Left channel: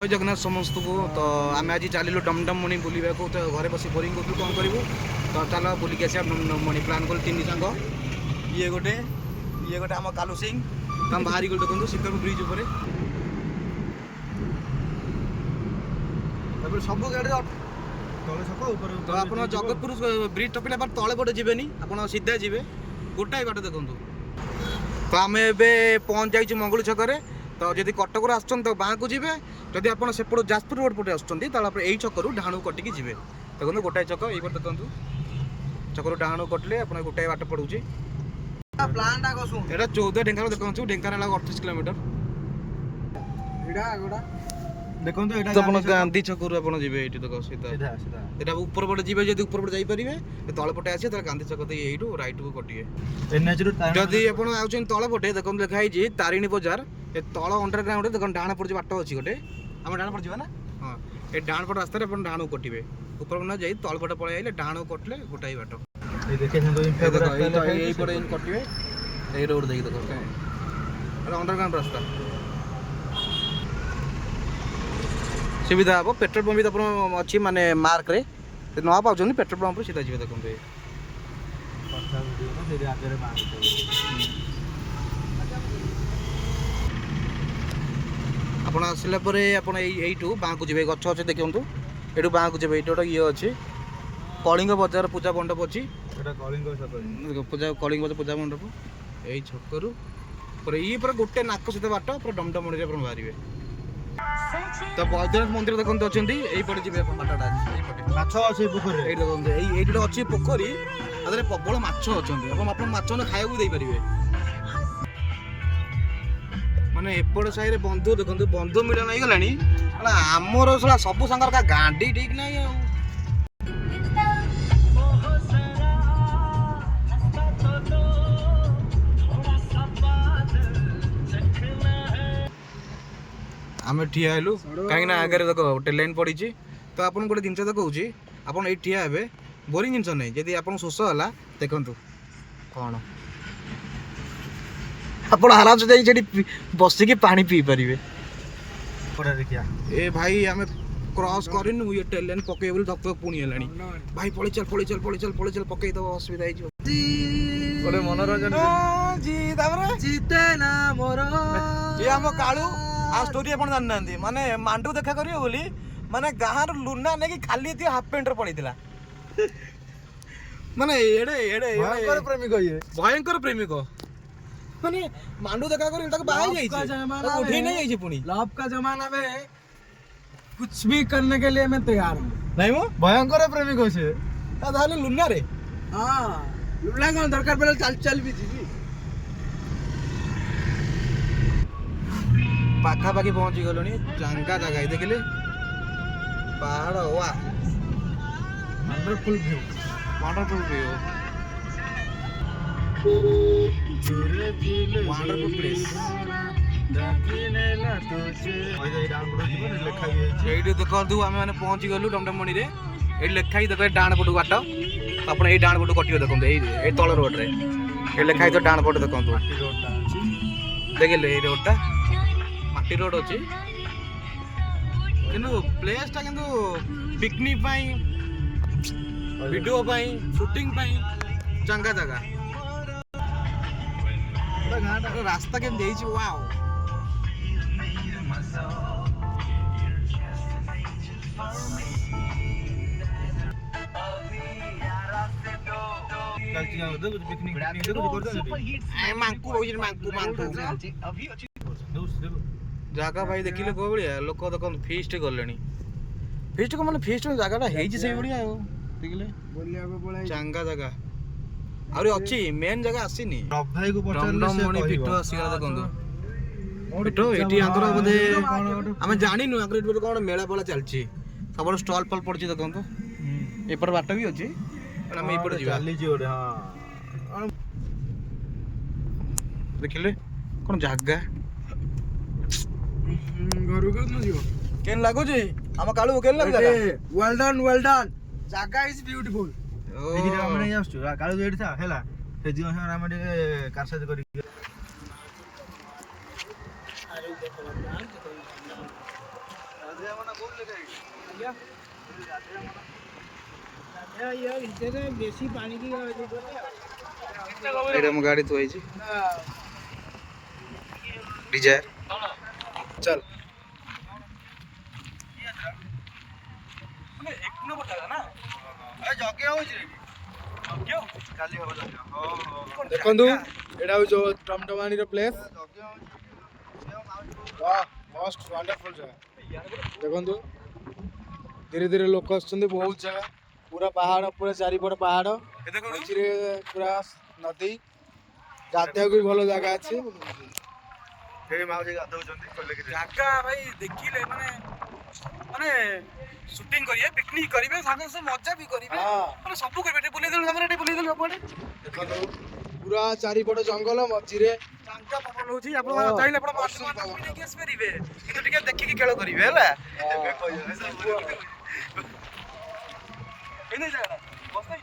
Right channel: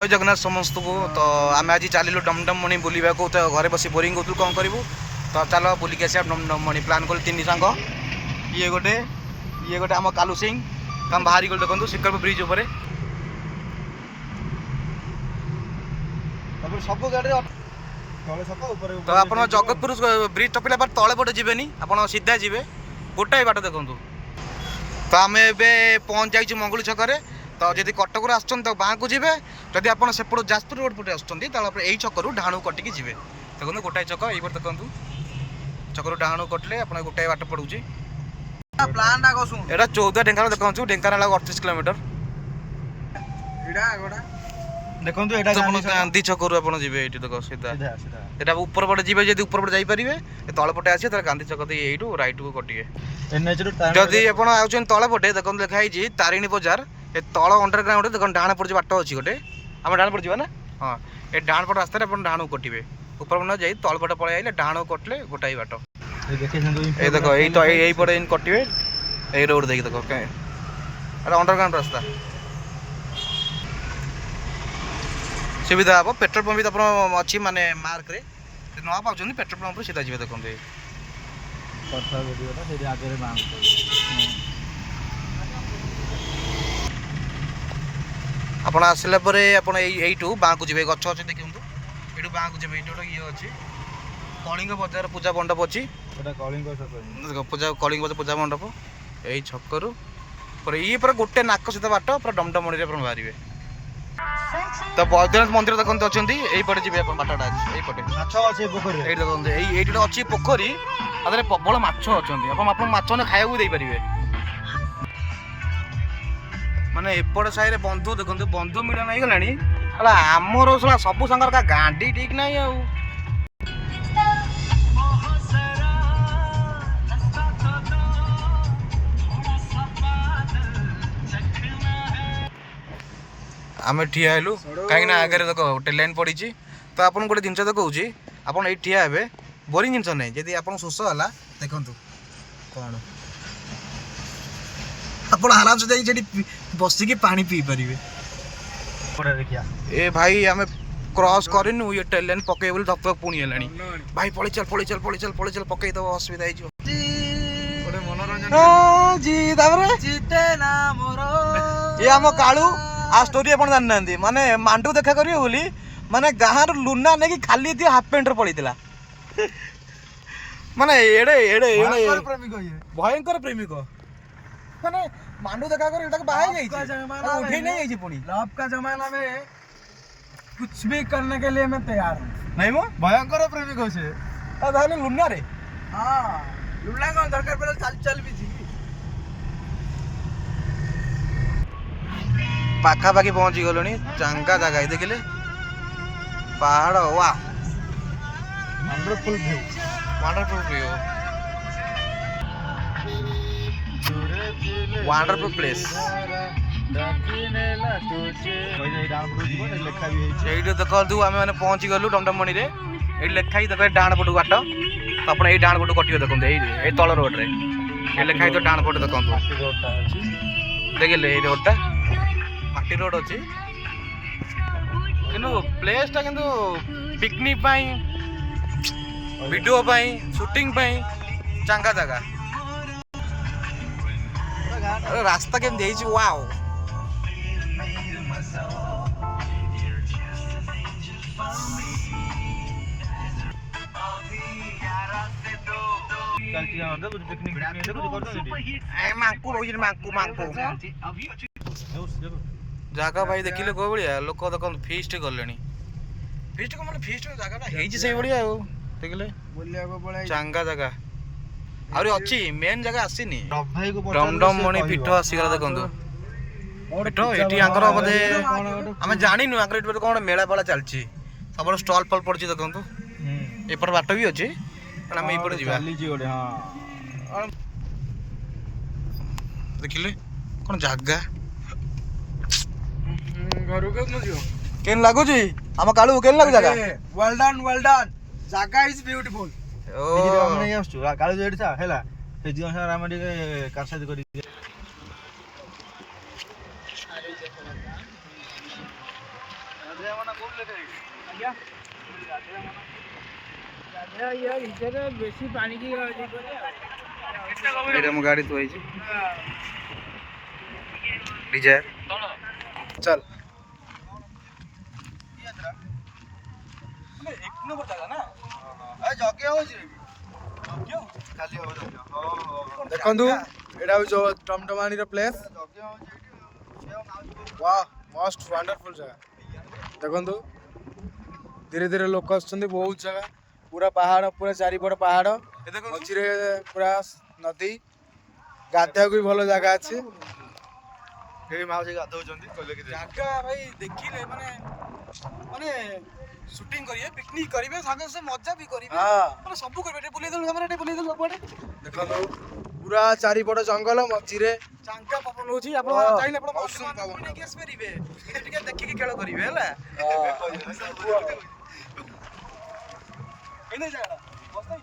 जय जगन्नाथ समस्त को। तो आम आज चलू डमडममणि बुलवा को। तो घरे बस बोरिंग करूँ कौन करूँ। तो चल बुलिक आस डमडममणि प्लां कल तीन सांग ये गोटे आम कालू सिंह तो आम बाहरी गल देखो शिकर ब्रिज उपर सब गाड़ी तो आप जगतपुर ब्रिज टपिला पर तले पटे जी आप सीधा जी गोटाए बाट देखु। तो आम ए पहुँच जाइए मंगुली छक। तो जब कटक आसुन तो बाँ को जी जदि आप सेपट जाजपुर रोड पटे आसुँच यही छकू डाणु कटिकी जी देखो गोटाए छक ये देखो छकू डाणु कटले आप गोटाए बाट पड़ू। एटा 14 ढेंकानाल देखो ढेंकानाल 38 किलोमीटर देखो तो गांधी छकरू आप जी देख सीधा यहाँ ऊपर पटे जी जब ऊपर पटे जापरेंगे तल पटे आसे गांधी छक यू रईट को कटे। जदि आप तल पटे देखो लिखाई तारिणी बजार ये तल अंडरग्राउंड देख डाण पड़ बाट अच्छी गोटे आम डाण पड़ ना। हाँ ये डाण पट रास्तार डाणु कटे ऊपर न जा तल पटे पलि आइले डाणु कटले गोटाए बाट ये देखो यही पटे कटे यही रोड देखिए देखो क्या अंडरग्राउंड रास्ता सुविधा हम। पेट्रोल पंप भी आप अच्छी माने मार्क रे न पाँच पेट्रोल पंप सीधा जी देखो आप आसला यू बाँ को जी गच अच्छे देखूँ ये बाँ को जी ये गोटे ये अच्छी कलिंग बजार पूजा मंडप अच्छी पूजा कलिंग बजार पूजा मंडप यही छकरू ये पूरा गोटे नाक सीधा बाट पूरा डमडमणि बाहर। तो बैद्यनाथ मंदिर देखते अच्छा यही पटे जी बाटा अच्छे देखते ये अच्छी पोखरी प्रबल माछ अच्छा आप माछ खाया दे पारे माने एपट साइड बंधु देखते बंधु मिलन हो गला आमर सब सांगर का गांडी ठीक ना आम ठिया हेलु कहीं आगे देख गोटे लाइन पड़ी तो आपन गोटे जिन देखा आपड़ ये ठिया हे बोरिंग जिन नहीं जदि आप शोष है देखु कौन आप आराम से बसिकी पानी पी पारे। ए भाई आम क्रॉस करनु ये टेल लाइन पकई बोली धक पुणी है भाई पलि चल पलि चल पलि चल पलि चल पकई दब असुविधा ये आम कालू आ स्टोरी आप जाना माने मांडू देखा करिए बोली माने गाँव लुना नहीं कि खाली थी हाफ पेंट पड़ीला माने एड़े एड़े भयंकर प्रेमिक माने मांडू देखा कर बाहर उठे नहीं जाइए पुणी लव का जमाना में कुछ भी करने के लिए मैं तैयार हूँ। नहीं वो भयंकर प्रेमिक से लुना रे। हाँ लुना कौन दरकार पड़े चल चल भी थी पाखापाखि पहुँची गलु चांगा जगह देखिले पहाड़ वाह वंडरफुल व्यू वंडरफुल प्लेस ये देखो आम मैंने पहुँची गलु डमडममणि रे ये लिखाई देखे डाण पटू बाट तो आप डाण पटू कटे देखते ये तल रोड रे ये लिखाई तो डाण पटे देखो देखिले ये रोडटा माटी रोड अच्छी किंतु प्लेसटा किंतु पिकनिक वीडियो शूटिंग चांगा जगह रास्ता केमती वाओ जगह भाई देखिले को भाया लोक देख फिस्ट गले फिस्ट को मैंने फिस्ट जगह से भाया देखिले चांगा जगह आहरी अच्छी मेन जगह आसीनी डमडममणि पीठ आसीगला देखु पीठ ये बोधे आम जानु आगे कौन मेला बेला चलती सब स्टल फल पड़ी देखु एपट बाट भी अच्छी आम ये देखिले कौन जगह केन लागुची आम कालू केन लागु जगह वेल डन जगह इज ब्यूटीफुल ओ कालू जो था हैला से दिन सारा हम कासा करी बेसी पानी की ଏଇଟା ମୋ ଗାଡ଼ି ଥୁଆ ହେଇଛି ଡିଜାୟାର ଚାଲ ଦେଖନ୍ତୁ ଏଇଟା ହଉଛି ଟମଟମାଣିର ପ୍ଲେସ୍ वाह मोस्ट वंडरफुल जगह देखନ୍ତୁ धीरे धीरे लोक आସୁଛନ୍ତି ବହୁତ ଜାଗା पूरा पहाड़ पूरा चारिपट पहाड़ मझिरे पूरा नदी गाधेयକୁ भी ଭଲ ଜାଗା ଅଛି ଏଇ ମାଉସୀ ଗାଧଉଛନ୍ତି କହିଲେ କି ଜାଗା ଭାଇ ଦେଖିଲେ ମାନେ ମାନେ ଶୁଟିଂ କରିବେ ପିକନିକ କରିବେ ସାଙ୍ଗେ ସାଙ୍ଗେ ମଜା ବି କରିବେ ମାନେ ସବୁ କରିବେ ଏଠି ବୁଲେଇ ଦେଲୁ ଆମର ଏଠି ବୁଲେଇ ଦେଲୁ ସବୁଆଡେ ଦେଖନ୍ତୁ ପୁରା ଚାରିପଟ ଜଙ୍ଗଲ ମଝିରେ ଚାଙ୍କା ପବନ ହଉଛି ଆପଣ ଚାହିଁଲେ ଆପଣ ବନ୍ଧୁମାନଙ୍କୁ ବି ନେଇକି ଆସିପାରିବେ କିନ୍ତୁ ଟିକେ ଦେଖିକି ଖେଳ କରିବେ ହେଲା ଏଇ ନାଇଁ ଜାଗାଟା ବସ୍ତା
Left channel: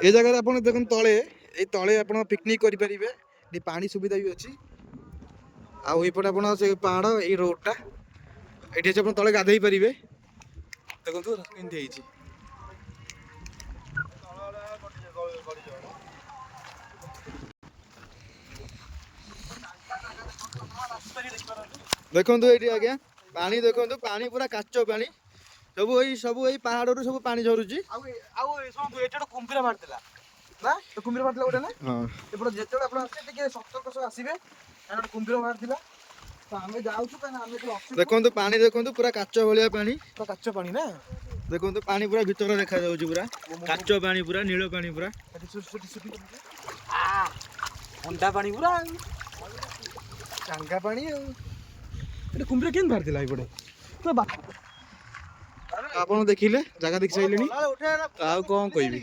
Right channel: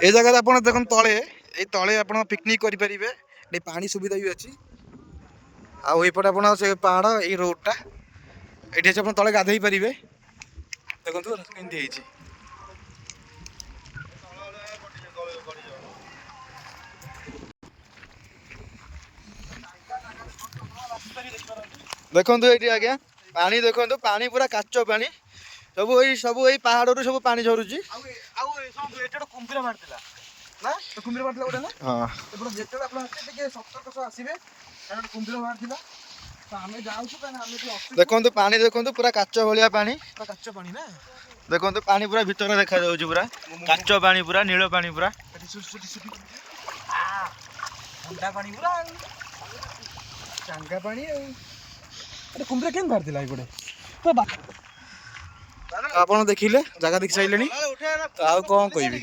ଏ ଜାଗାରେ ଆପଣ ଦେଖନ୍ତୁ ତଳେ ଏଇ ତଳେ ଆପଣ ପିକନିକ କରିପାରିବେ ଏଠି ପାଣି ସୁବିଧା ବି ଅଛି ଆଉ ଏଇପଟେ ଆପଣ ସେ ପାହାଡ଼ ଏଇ ରୋଡଟା ଏଠି ଅଛି ଆପଣ ତଳେ ଗାଧେଇ ପାରିବେ ଦେଖନ୍ତୁ କେମିତି ହେଇଛି ଦେଖନ୍ତୁ ଏଇଠି ଆଜ୍ଞା ପାଣି ଦେଖନ୍ତୁ ପାଣି ପୁରା କାଚ ପାଣି ସବୁ ଏଇ ପାହାଡ଼ରୁ ସବୁ ପାଣି ଝରୁଛି ଆଉ ଏଠି ଗୋଟେ କୁମ୍ଭୀର ମାରିଥିଲା ନା କୁମ୍ଭୀର ମାରିଥିଲା ଗୋଟେ ନା ହଁ ଏପଟେ ଯେତେବେଳେ ଆପଣ ଆସିବେ ଟିକେ ସତର୍କ ସହ ଆସିବେ କାରଣ କୁମ୍ଭୀର ମାରିଥିଲା ତ ଆମେ ଯାଉଛୁ କାରଣ ଆମେ ଦେଖନ୍ତୁ ପାଣି ଦେଖନ୍ତୁ ପୁରା କାଚ ଭଳିଆ ପାଣି କାଚ ପାଣି ନା ଦେଖନ୍ତୁ ପାଣି ପୁରା ଭିତରେ ଦେଖାଯାଉଛି ପୁରା କାଚ ପାଣି ପୁରା ନୀଳ ପାଣି ପୁରା ଥଣ୍ଡା ପାଣି ପୁରା ଚାଙ୍ଗା ପାଣି ଆଉ ଏଠି କୁମ୍ଭୀର କେମିତି ବାହାରିଥିଲା ଏଇପଟେ ତ ଆପଣ ଦେଖିଲେ ଜାଗା ଦେଖି ସାରିଲେଣି ତ ଆଉ କ'ଣ କହିବି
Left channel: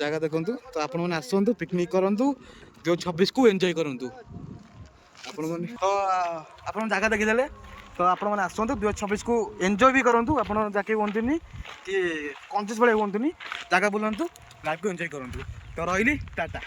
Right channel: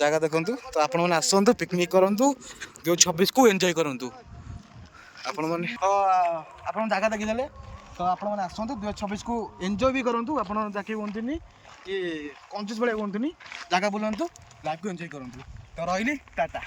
ଜାଗା ଦେଖନ୍ତୁ ତ ଆପଣମାନେ ଆସନ୍ତୁ ପିକନିକ୍ କରନ୍ତୁ 2026କୁ ଏନ୍ଜୟ କରନ୍ତୁ ଆପଣମାନେ ଆପଣ ଜାଗା ଦେଖିଦେଲେ ତ ଆପଣମାନେ ଆସନ୍ତୁ 2026କୁ ଏନ୍ଜୟ ବି କରନ୍ତୁ ଆପଣ ଯାକେ ହୁଅନ୍ତୁନି କି କଞ୍ଜୁସ୍ ଭଳିଆ ହୁଅନ୍ତୁନି ଜାଗା ବୁଲନ୍ତୁ ଲାଇଫ୍କୁ ଏନ୍ଜୟ କରନ୍ତୁ ତ ରହିଲି ଟାଟା